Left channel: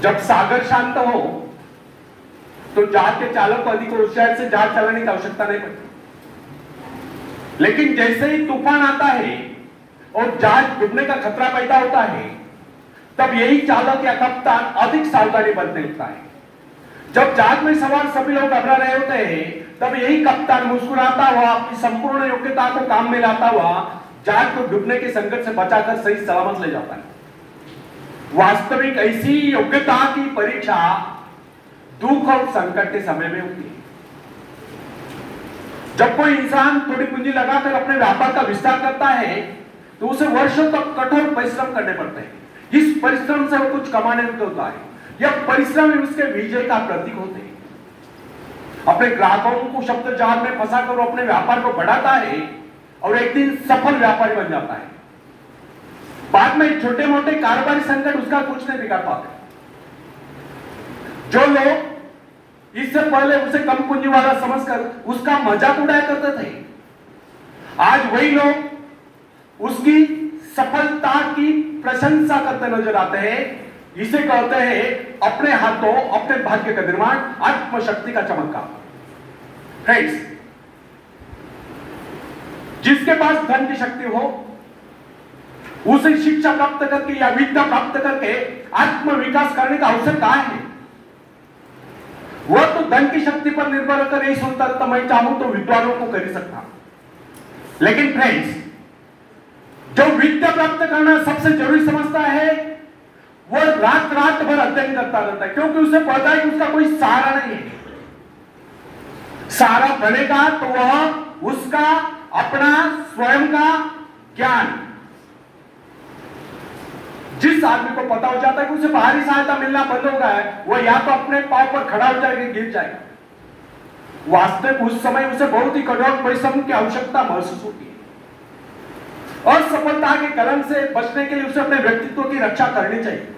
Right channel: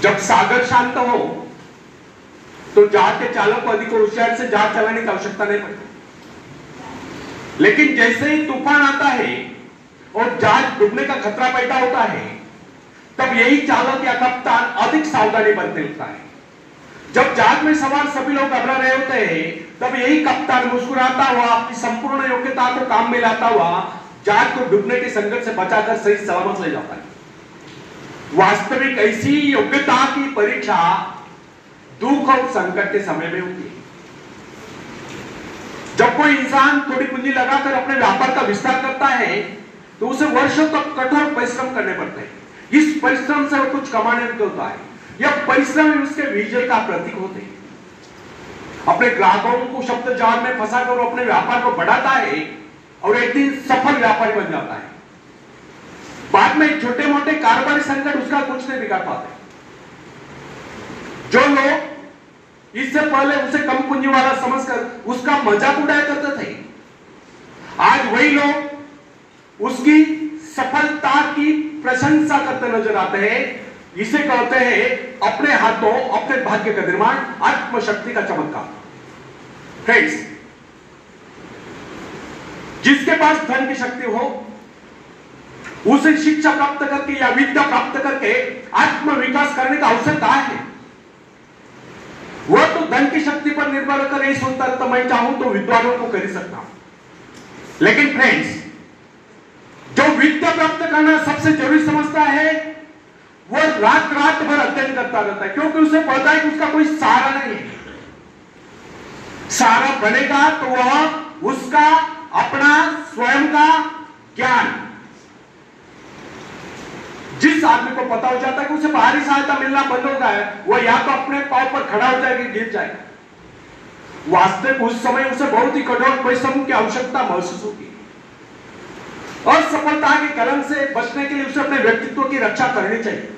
जब सागर शांत हो तो जहाज के चालक को अधिक होशियार से जहाज चलाने की आवश्यकता नहीं पड़ती, लेकिन जैसे ही तूफान आता है और जहाज डूबने का खतरा पैदा होता है, तब यही चालक या कप्तान अधिक सावधानी बरतने लगता है। जब जहाज में सवार सभी लोग घबरा रहे होते हैं, तब यही कप्तान मुस्कुराता हुआ अपनी संपूर्ण योग्यता को काम में लाता हुआ जहाज को डूबने के संकट से बचाकर सही सलामत ले जाता है। वास्तविक ऐसी योग्यता की परीक्षा दुख और संकट के समय में होती है। जब कोई इंसान थोड़ी पूंजी लगाकर अपने व्यापार का विस्तार करता है, तो उसे वर्षों तक कठोर परिश्रम करने पड़ते हैं। इस परिश्रम से वो कुछ कमाने को होता है। यह परिश्रम उसके विजय का प्रतीक होते हैं। अपने ग्राहकों को शब्द जाल में फंसाकर वो अपने व्यापार को बढ़ाता है और एक दिन सफल व्यापारी बन जाता है। बाद में छोटे मोटे कारोबारी संकट उसका कुछ नहीं बिगाड़ पाते। जो लोग इससे पहले उसे कम पूंजी वाला समझकर उसका मजाक उड़ाया करते थे, आज वही लोग उसकी सफलता की प्रशंसा करते नजर आते हैं। इसे कहते हैं अपने हाथों अपने भाग्य का निर्माण, आत्मशक्ति का चमत्कार। फ्रेंड्स, जिसके पास धन की शक्ति हो, उसे शिक्षा प्राप्त करके या विद्या प्राप्त करके आत्म विकास करने का अवसर कहां है? वह तो धन की शक्ति पर निर्भर होकर नहीं सोचता तो मैं चाहूं तो विद्वानों को कर सकता हूं। लेकिन फ्रेंड्स, जो विद्या प्राप्त करना सबसे जरूरी समझता है, वह रात रात भर अध्ययन करता रहता है, क्योंकि उसे पता है कि उसका कोई सहारा नहीं है। सहारा बनेगा तो वह उसका अपना स्वयं का ज्ञान। जिस आदमी को पता हो जाता है कि उसे बाहरी सहायता मिलना बंद हो गया है, वह या तो अपने पांव पर खड़ा हो जाएगा, गिर जाएगा। वास्तविक उस समय उसे बहुत ही कठोर परिश्रम की आवश्यकता महसूस होती है। असफलता के कलंक से बचने के लिए उसे अपने व्यक्तित्व की रक्षा करनी चाहिए।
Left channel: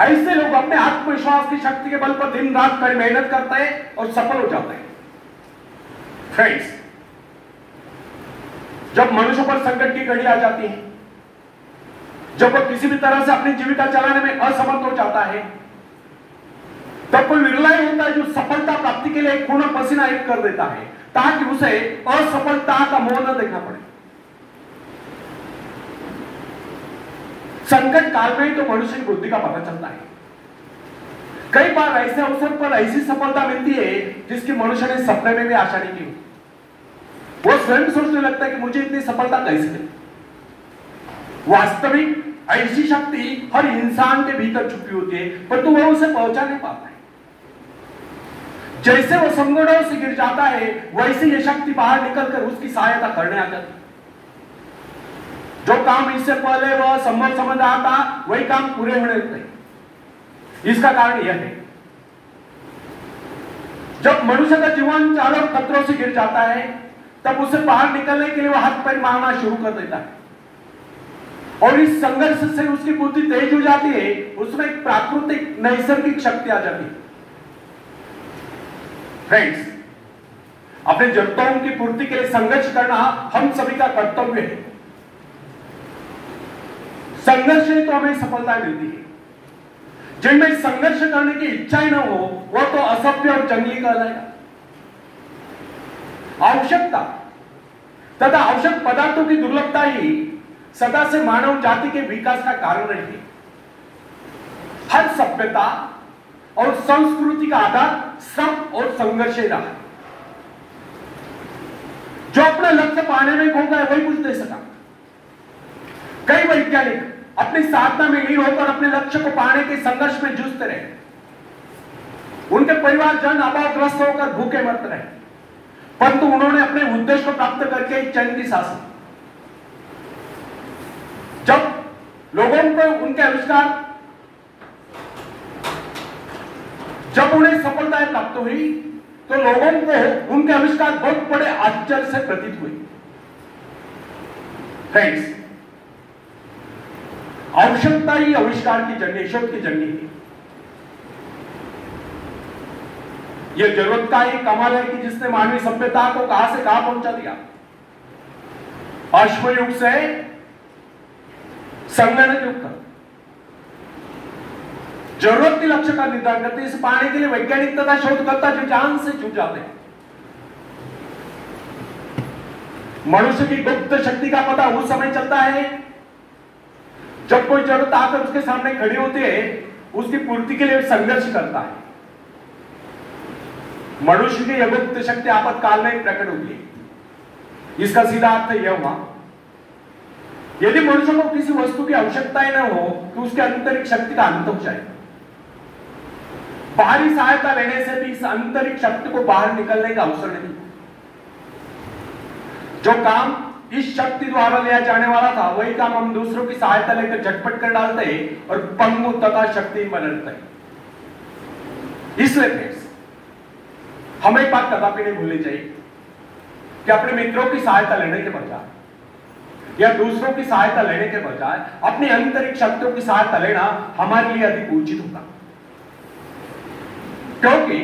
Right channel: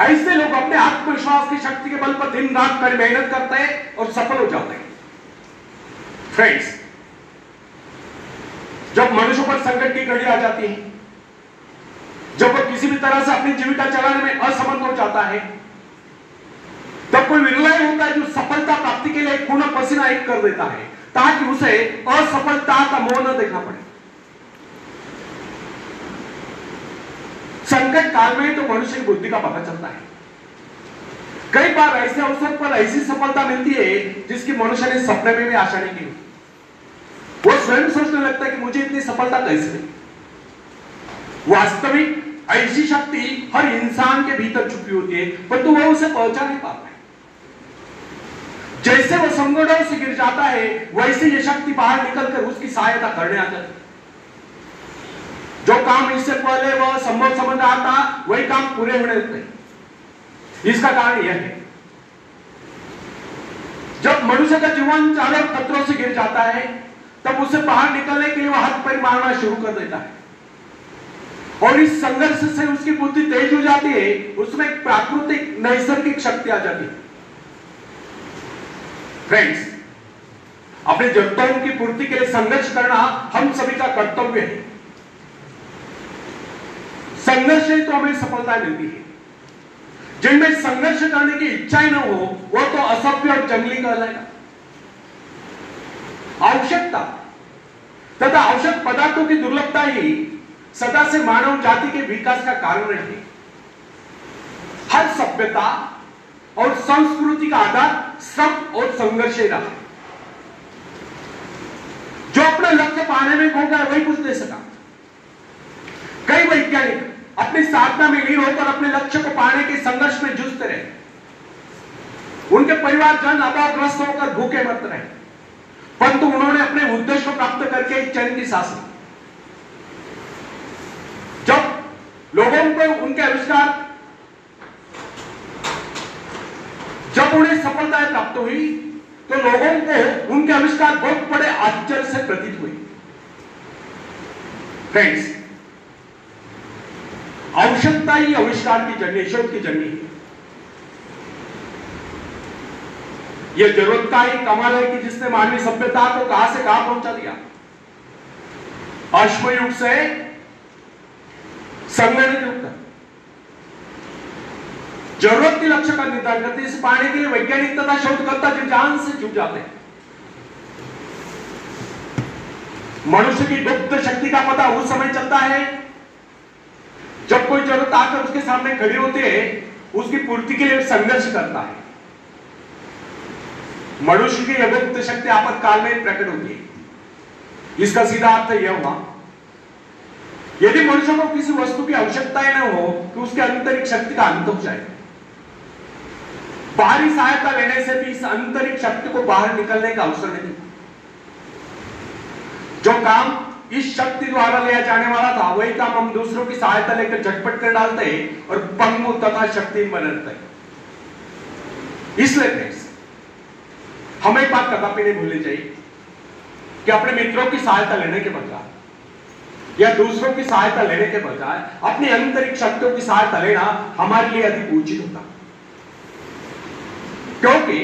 ऐसे लोग अपने आत्मविश्वास की शक्ति के बल पर दिन रात कड़ी मेहनत करते हैं और सफल हो जाते हैं। फ्रेंड्स, जब मनुष्य पर संकट की घड़ी आ जाती है, जब वह किसी भी तरह से अपनी जीविका चलाने में असमर्थ हो जाता है, तब कोई विरला ही होता है जो सफलता प्राप्ति के लिए खून पसीना एक कर देता है, ताकि उसे असफलता का मोह न देखना पड़े। संकट काल में ही तो मनुष्य की बुद्धि का पता चलता है। कई बार ऐसे अवसर पर ऐसी सफलता मिलती है जिसकी मनुष्य ने सपने में भी आशा नहीं की। वो स्वयं सोचने लगता है कि मुझे इतनी सफलता कैसे मिली। वास्तविक ऐसी शक्ति हर इंसान के भीतर छुपी होती है, परंतु वह उसे पहचान नहीं पाता है। जैसे वह संकटों से गिर जाता है, वैसे ये शक्ति बाहर निकलकर उसकी सहायता करने आ जाती है। जो काम इससे पहले वह संभव समझ रहा था, वही काम पूरे होने लगते हैं। इसका कारण यह है, जब मनुष्य का जीवन चारों खतरों से गिर जाता है, तब उसे बाहर निकलने के लिए वह हाथ पैर मारना शुरू कर देता है और इस संघर्ष से उसकी बुद्धि तेज हो जाती है। उसमें एक प्राकृतिक नैसर्गिक शक्ति आ जाती है। फ्रेंड्स, अपनी जरूरतों की पूर्ति के लिए संघर्ष करना हम सभी का कर्तव्य है। संघर्ष से तो हमें सफलता मिलती है। जिनमें संघर्ष करने की इच्छा ही न हो, वह तो असभ्य और जंगली कहलाएगा। आवश्यकता तथा आवश्यक पदार्थों की दुर्लभता ही सदा से मानव जाति के विकास का कारण रही है। हर सभ्यता और संस्कृति का आधार श्रम और संघर्ष ही रहा। जो अपना लक्ष्य पाने में खो गया, वही कुछ दे सका। कई वैज्ञानिक अपनी साधना में लीन होकर अपने लक्ष्य को पाने के संघर्ष में जूझते रहे। उनके परिवारजन अभावग्रस्त होकर भूखे मरते रहे, परंतु उन्होंने अपने उद्देश्य को प्राप्त करके चैन की सांस ली। जब लोगों को उनके आविष्कार, जब उन्हें सफलताएं प्राप्त हुई, तो लोगों को उनके आविष्कार बहुत बड़े आश्चर्य से प्रतीत हुए। फ्रेंड्स, आवश्यकता ही आविष्कार की जननी, शोध की जननी है। यह जरूरत का ही कमाल है कि जिसने मानवीय सभ्यता को कहां से कहां पहुंचा दिया। अश्वयुग से संगणक युग तक जरूरत के लक्ष्य का निर्धारण करते हैं। इसे पाने के लिए वैज्ञानिक तथा शोधकर्ता जो जान से जुट जाते हैं। मनुष्य की गुप्त शक्ति का पता उस समय चलता है जब कोई जरूरत आकर उसके सामने खड़ी होती है, उसकी पूर्ति के लिए संघर्ष करता है। मनुष्य की यह गुप्त शक्ति आपातकाल में प्रकट होती है। इसका सीधा अर्थ यह हुआ, यदि मनुष्य को किसी वस्तु की आवश्यकता ही न हो तो उसके आंतरिक शक्ति का अंत हो जाए। बाहरी सहायता लेने से भी इस आंतरिक शक्ति को बाहर निकलने का अवसर नहीं। जो काम इस शक्ति द्वारा लिया जाने वाला था, वही काम हम दूसरों की सहायता लेकर झटपट कर डालते हैं और पंगु तथा शक्तिहीन बनते हैं। इसलिए हमें एक बात कदापि नहीं भूलनी चाहिए कि अपने मित्रों की सहायता लेने के बजाय या दूसरों की सहायता लेने के बजाय अपनी आंतरिक शक्तियों की सहायता लेना हमारे लिए अधिक उचित होता। क्योंकि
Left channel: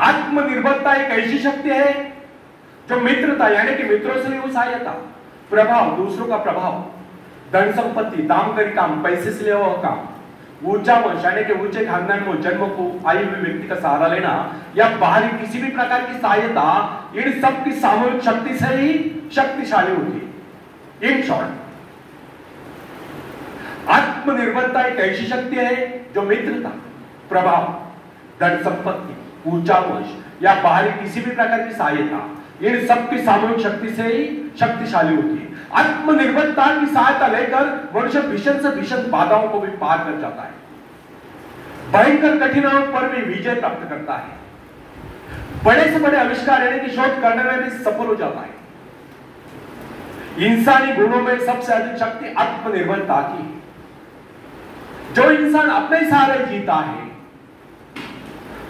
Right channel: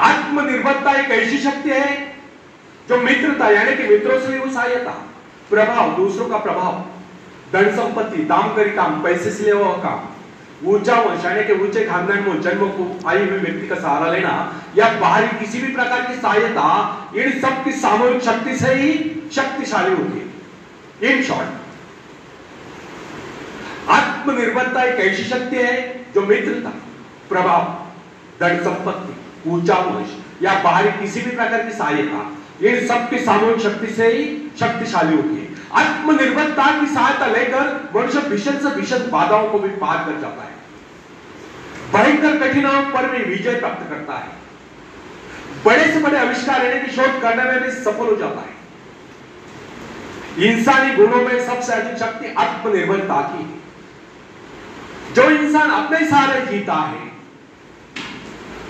आत्मनिर्भरता एक ऐसी शक्ति है जो मित्रता यानी कि मित्रों से भी सहायता, प्रभाव, दूसरों का प्रभाव, धन संपत्ति, दाम करी काम, पैसे से लिया हुआ काम, ऊंचा वंश यानी कि ऊंचे खानदान में जन्म को आए हुए व्यक्ति का सहारा लेना या बाहरी किसी भी प्रकार की सहायता, इन सब की सामूहिक शक्ति से ही शक्तिशाली होती है। इन शॉर्ट, आत्मनिर्भरता एक ऐसी शक्ति है जो मित्रता, प्रभाव, धन संपत्ति, ऊंचा वंश या बाहरी किसी भी प्रकार की सहायता, इन सब की सामूहिक शक्ति से ही शक्तिशाली होती है। आत्मनिर्भरता की सहायता लेकर मनुष्य भीषण से भीषण बाधाओं को भी पार कर जाता है, भयंकर कठिनाइयों पर भी विजय प्राप्त करता है, बड़े से बड़े आविष्कार यानी कि शोध करने में भी सफल हो जाता है। इंसानी गुणों में सबसे अधिक शक्ति आत्मनिर्भरता की है। जो इंसान अपने सहारे जीता है,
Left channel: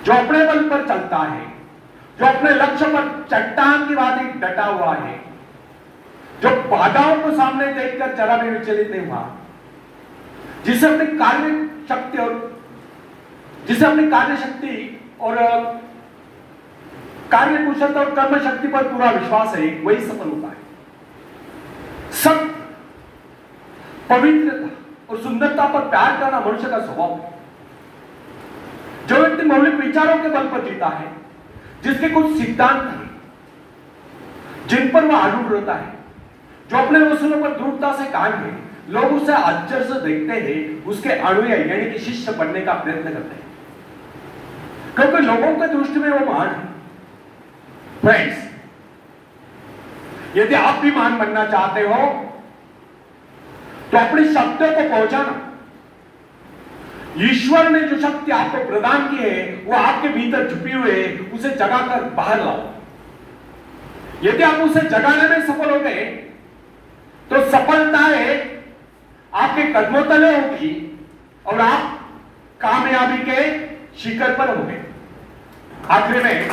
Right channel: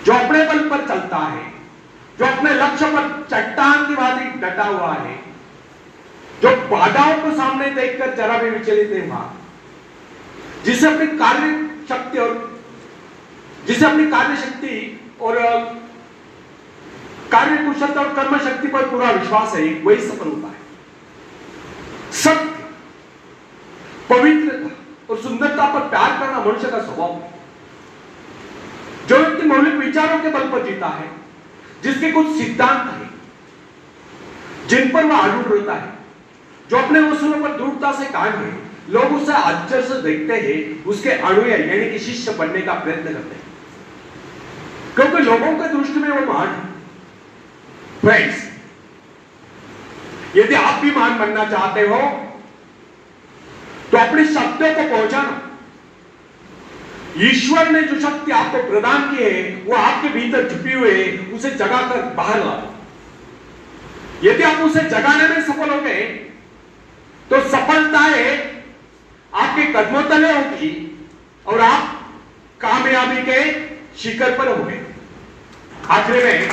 जो अपने बल पर चलता है, जो अपने लक्ष्य पर चट्टान की भांति डटा हुआ है, जो बाधाओं को सामने देखकर जरा भी विचलित नहीं हुआ, जिसे अपनी कार्य शक्ति और कार्य कुशलता और कर्म शक्ति पर पूरा विश्वास है, वही सफल होता है। सत्य, पवित्रता और सुंदरता पर प्यार करना मनुष्य का स्वभाव है। जो व्यक्ति मौलिक विचारों के बल पर जीता है, जिसके कुछ सिद्धांत हैं जिन पर वह अड़ूट रहता है, जो अपने उसूलों पर दृढ़ता से कायम है, लोग उसे आश्चर्य से देखते हैं, उसके अनुयायी यानी कि शिष्य बनने का प्रयत्न करते हैं, क्योंकि लोगों के दृष्टि में वो महान है। फ्रेंड्स, यदि आप भी महान बनना चाहते हो तो अपनी शक्तियों को पहुंचाना, ईश्वर ने जो शक्ति आपको प्रदान की है वो आपके भीतर छुपी हुई है, उसे जगाकर बाहर लाओ। यदि आप उसे जगाने में सफल हो गए तो सफलताएं आपके कदमों तले होगी और आप कामयाबी के शिखर पर होंगे। आखिर में